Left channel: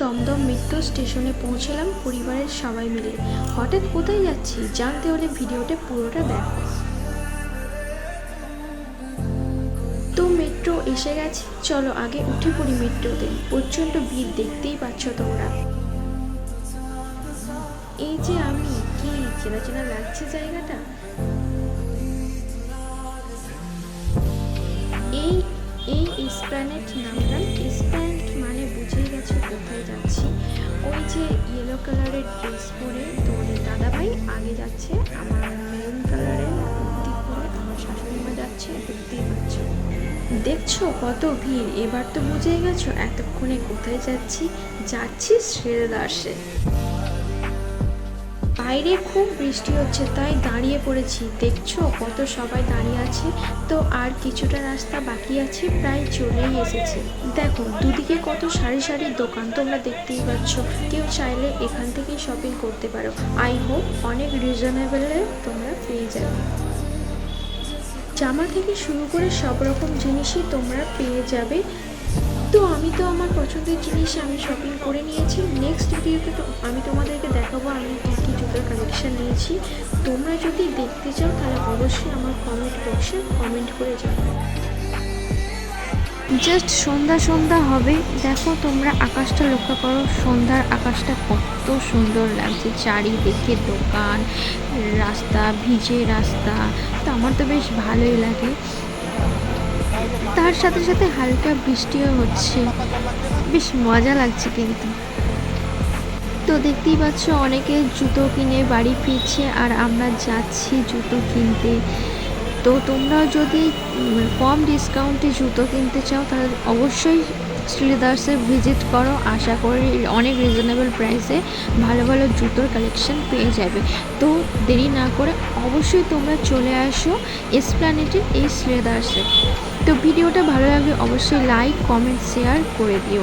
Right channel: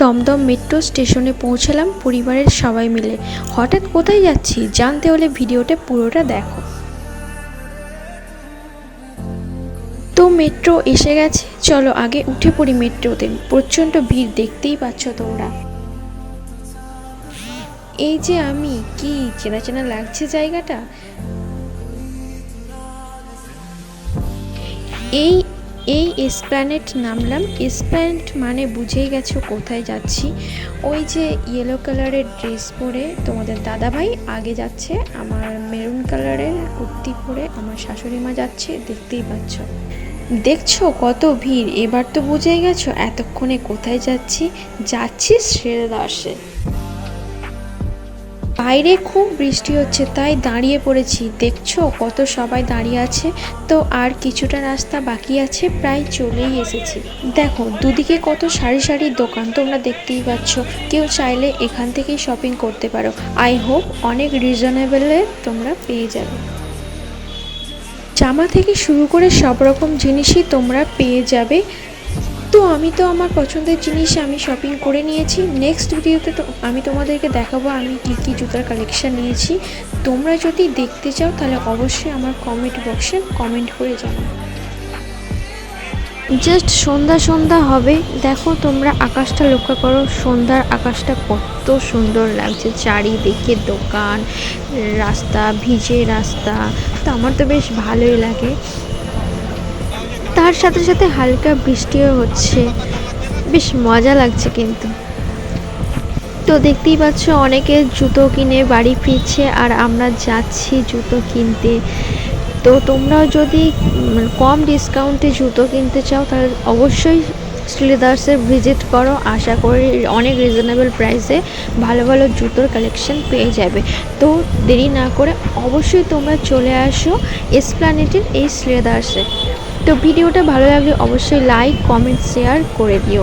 Dumdum metro স্টেশনে পৌঁছালাম পরিবারের সবাই মিলে। হঠাৎ কোথায় যাচ্ছি জানতে হলে ভিডিওটা পুরোটা দেখো। তো মেট্রো এসে গেছে, চলো আগে উঠে পড়ি মেট্রোতে। প্রচণ্ড ভিড়, দেখতেই পাচ্ছ তোমরা। এই যে আমি, কি চেনা চেনা লাগছে জায়গাটা। এই এই এসপ্ল্যানেড নামলাম। এসপ্ল্যানেড মানে বুঝেই গেছো কোথায় যাচ্ছি। ওই যে ইয়েলো কালারের ড্রেস পরে তোমাদের দাদাভাই আগে যাচ্ছে, আমার মেরুন কালারের কুর্তি পরে আমার শাশুড়ি মা যাচ্ছে, দেখতেই পাচ্ছ। দেখছো কত ভিড়, এবার তো বুঝেই গেছো এতক্ষণে কোথায় যাচ্ছি। যাচ্ছি শ্রীদাসে। বাইরে খুব বৃষ্টি হচ্ছে তাই দাঁড়িয়ে পড়েছি, দেখছো কত সবাই দাঁড়িয়ে আছে। তো আর কিছুটা রাস্তা বাকি আছে, প্রায় চলেই এসেছি। দেখো দুদিকে কত সারি সারি দোকান, তোমরা দেখতেই পাচ্ছ। কেউ চাইলে এখান থেকেই শপিং করতে পারো। আই হোপ অনেক রিজনেবলে তোমরা পেয়ে যাবে। জামা থেকে শুরু করে সব রকম জিনিসই তোমরা পেয়ে যাবে। তো আমি তো আমার পছন্দের জিনিস আমি শপিং করে নিয়েছি। নেক্সট ভিডিওতে তো আমি তোমাদেরকে দেখাবো আমি কী কী জুতার কালেকশান নিয়েছি। তোমরা যদি দেখতে চাও তাহলে অবশ্যই আমার কমেন্ট বক্সে কমেন্ট করে জানাও। জাস্ট সন্ধ্যা সন্ধ্যা হবে, দেখো তোমরা আকাশটা লক্ষ্য করো, সন্ধ্যার আকাশটা কত সুন্দর লাগছে। চারিদিকে দোকান, রাস্তা, ভিজে রাস্তা, তো আমার তো বেশ ভালোই লাগে। তার সাথে সাথে হালকা বৃষ্টিও হচ্ছে, বেশ মজা লাগছে কিন্তু। তো দেখতেই পাচ্ছ অনেকে জুতো কিনে বাড়ি ফিরছে আর আমরা যাচ্ছি জুতো কিনতে। তো তোমরাও যদি কম ডিসকাউন্টে জুতো কিনতে চাও তাহলে অবশ্যই শ্রীদাসে ভিজিট করো। আশা করি অনেক রিজনেবল প্রাইসে ভালো ভালো জুতোর কালেকশন পেয়ে যাবে। তো দেরি না করে অবশ্যই তোমরা চলে আসো এসপ্ল্যানেডের এই শ্রীদাসে। তো ভিডিওটা ভালো লাগলে অবশ্যই লাইক কমেন্ট শেয়ার করে দিও।